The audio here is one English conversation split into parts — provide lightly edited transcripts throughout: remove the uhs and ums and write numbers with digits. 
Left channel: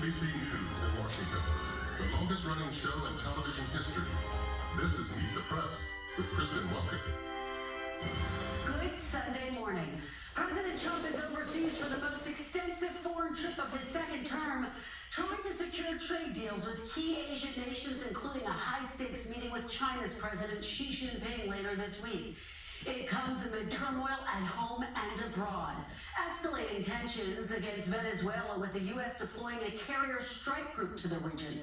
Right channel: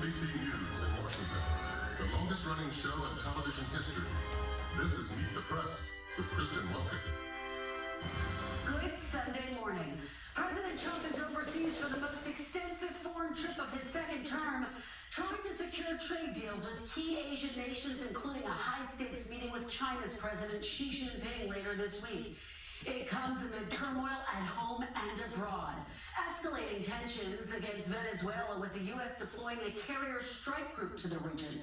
NBC News in Washington, the longest-running show in television history. This is Meet the Press with Kristen Welker. Good Sunday morning. President Trump is overseas for the most extensive foreign trip of his second term, trying to secure trade deals with key Asian nations, including a high-stakes meeting with China's President Xi Jinping later this week. It comes amid turmoil at home and abroad, escalating tensions against Venezuela with the U.S. deploying a carrier strike group to the region.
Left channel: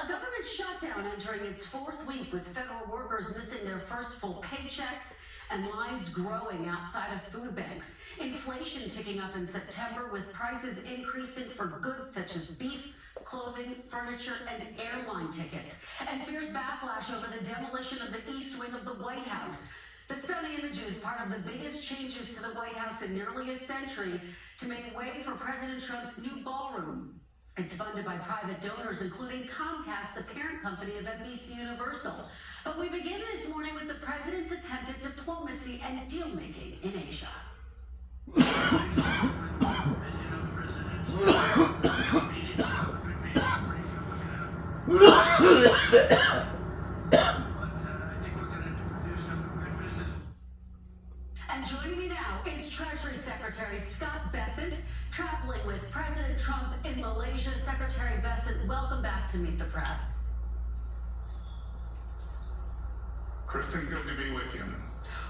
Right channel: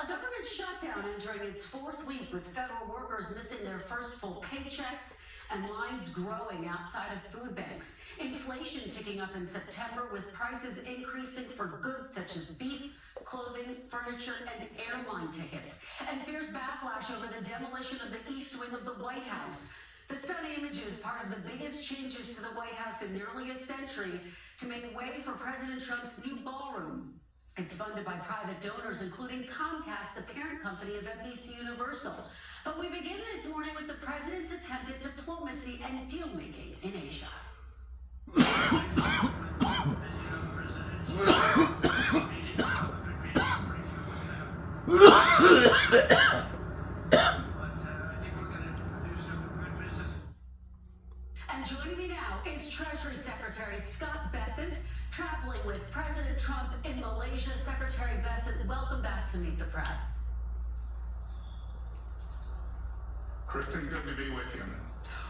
A government shutdown entering its fourth week with federal workers missing their first full paychecks and lines growing outside of food banks. Inflation ticking up in September with prices increasing for goods such as beef, clothing, furniture, and airline tickets. And fierce backlash over the demolition of the East Wing of the White House. The stunning images, part of the biggest changes to the White House in nearly a century to make way for President Trump's new ballroom. It's funded by private donors, including Comcast, the parent company of NBC Universal. But we begin this morning with the president's attempted diplomacy and deal-making in Asia. And joining me now is Treasury Secretary Scott Bessent, traveling with President Trump in Malaysia. Secretary Bessent, welcome back to Meet the Press. Kristen, good to be with you.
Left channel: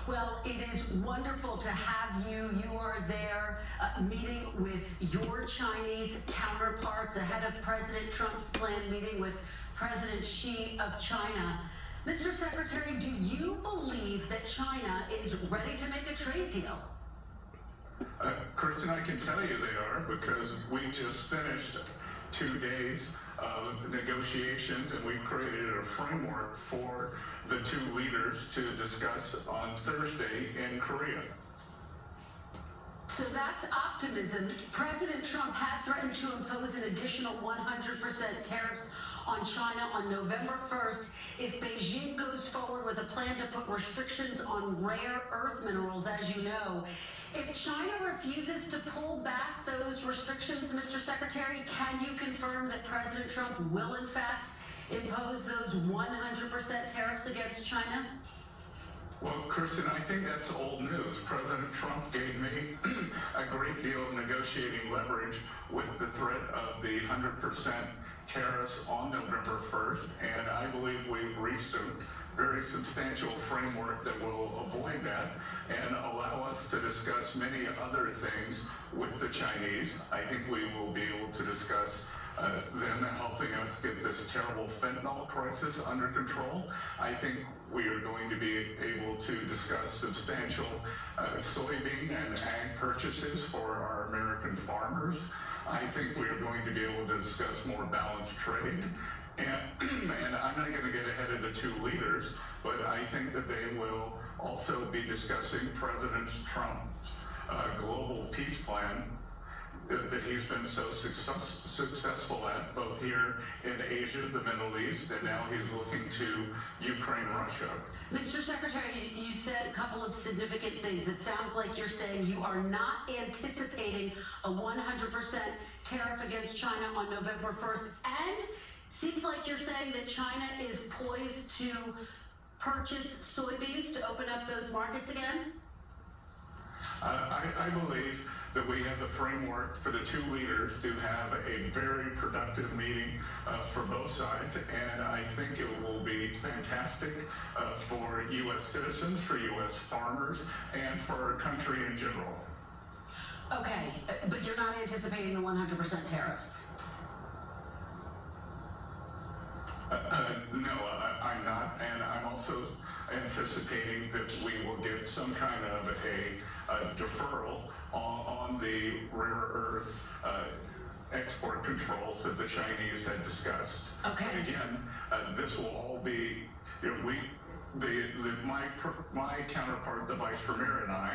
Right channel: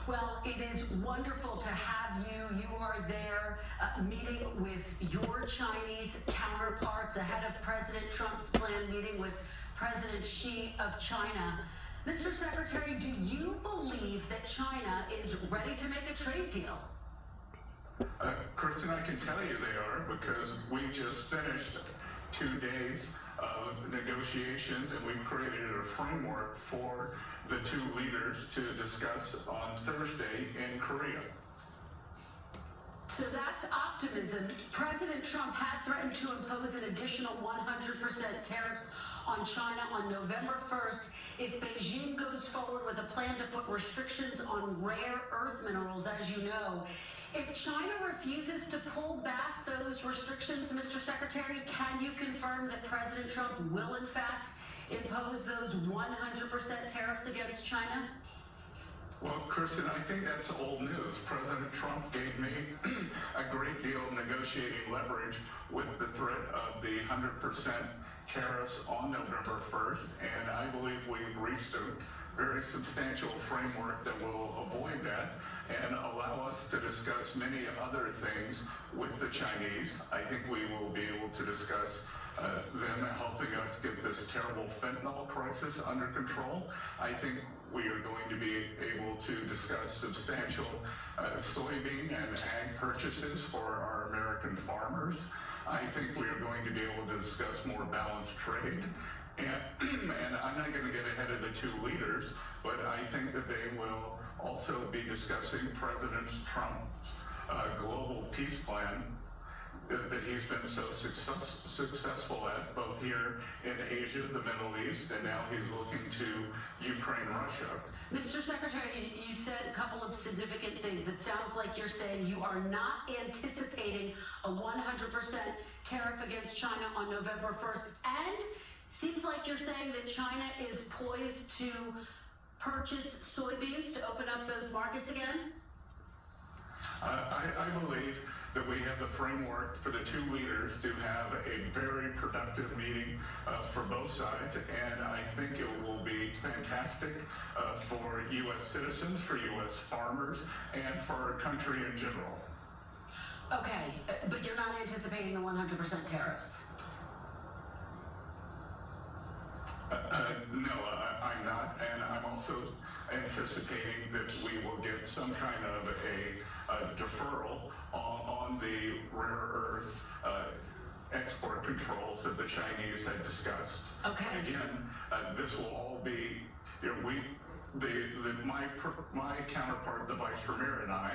Well, it is wonderful to have you. You are there meeting with your Chinese counterparts ahead of President Trump's planned meeting with President Xi of China. Mr. Secretary, do you believe that China is ready to make a trade deal? Kristen, I can tell you they are, because we just finished 2 days of negotiations and we've created a framework for the two leaders to discuss on Thursday in Korea. So that's optimism. President Trump had threatened to impose an additional 100% tariffs on China on November 1st if Beijing goes forward with a plan to put restrictions on rare earth minerals, as you know. If China refuses to pull back those restrictions, Mr. Secretary, can you confirm that President Trump will, in fact, impose those 100% tariffs against China? Well, Kristen, I think that's old news. President Trump gave me a great deal of negotiating leverage with the threat of the 100% tariffs on November 1st, and I believe we've reached a very substantial framework that will avoid that and allow us to discuss many other things with the Chinese. I think we will be able to discuss them helping us get this terrible fentanyl crisis under control. I think we are going to be able to discuss substantial soybean and ag purchases for our American farmers. I think we are going to be able to discuss more balanced trade. And I'm not going to get ahead of the two leaders, but I think that they will also be discussing President Trump's global peace plan that he's been so successful at, both here in Asia, the Middle East, and now he's looking to Ukraine, Russia. Mr. Secretary, you said a couple of significant things. It sounds like you're saying you are not anticipating a 100% tariff against China on November 1st, and seems like you're saying that China is poised to purchase soybeans to open up those markets again? I believe that we have the framework for the two leaders to have a very productive meeting for both sides, and I think it will be fantastic for U.S. citizens, for U.S. farmers, and for our country in general. Okay, but you're not anticipating the 100% tariffs? No, I'm not, and I'm also anticipating that we will get some kind of a deferral on the rare earth export controls that the Chinese had discussed. Okay. Again, this will all be, my counterpart, the Vice Premier, and I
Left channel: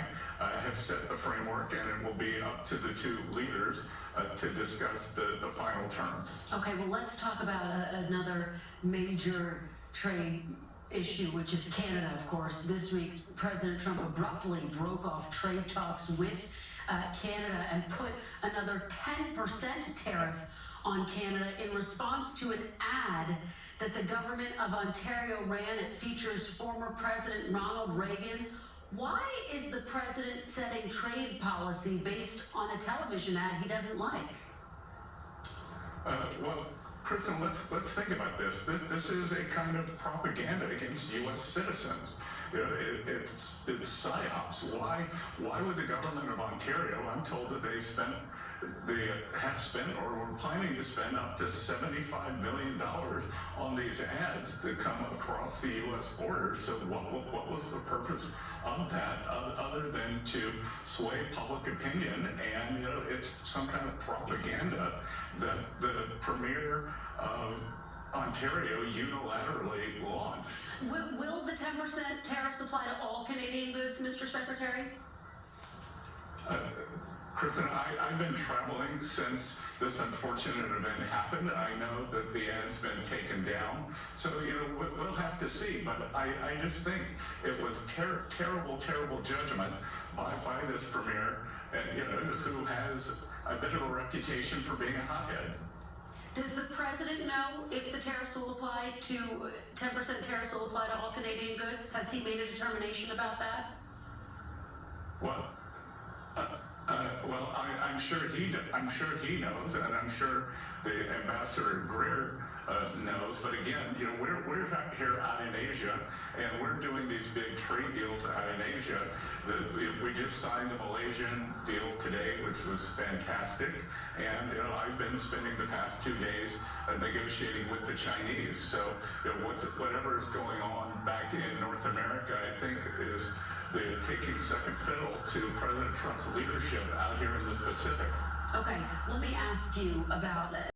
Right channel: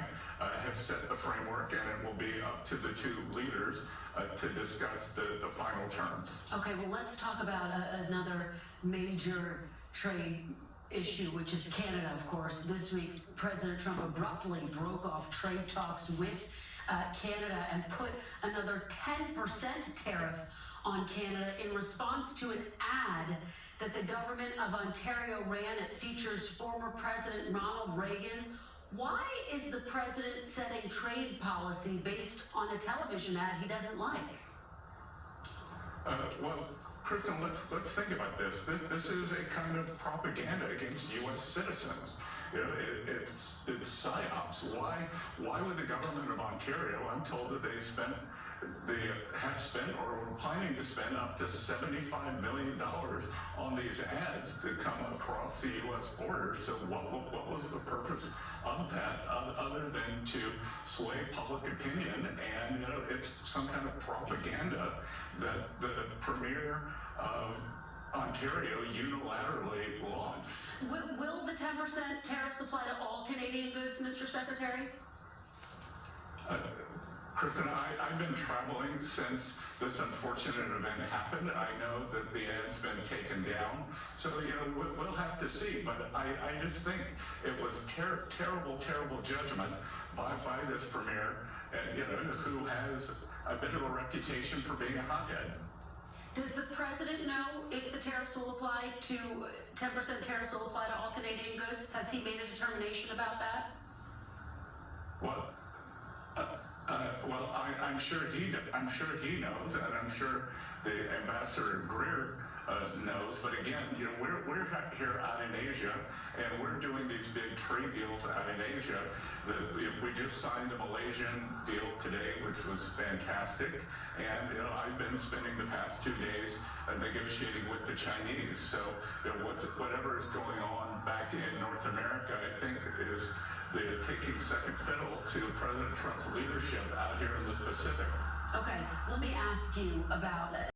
have set the framework, and it will be up to the two leaders to discuss the final terms. Okay, well, let's talk about another major trade issue, which is Canada, of course. This week, President Trump abruptly broke off trade talks with Canada and put another 10% tariff on Canada in response to an ad that the government of Ontario ran. It features former President Ronald Reagan. Why is the president setting trade policy based on a television ad he doesn't like? Well, Kristen, let's think about this. This is a kind of propaganda against U.S. citizens. You know, it's psyops. Why would the government of Ontario? I'm told that they have spent or were planning to spend up to $75 million on these ads to come across the U.S. border. So what was the purpose of that other than to sway public opinion? And it's some kind of propaganda that the premier of Ontario unilaterally launched. Will the 10% tariffs apply to all Canadian goods, Mr. Secretary? Kristen, I've been traveling since this unfortunate event happened. I know that the ad's been taken down, so we'll have to see. But I just think it was terrible judgment by this premier, who has a bit of a reputation for being a hothead. Does the president know if the tariffs will apply to 10% tariffs will apply to all Canadian goods? Has he made a determination about that? What? Well, I'm sure he knows, and I'm sure the Ambassador Greer knows. But again, we're here out in Asia, and we're doing these big trade deals out in Asia. We just signed the Malaysian deal today, which was fantastic. And I've been spending the past 2 days negotiating with the Chinese. So whatever is going on back in North America, I think is taking second fiddle to President Trump's leadership out here in the Pacific. Okay, let me ask you about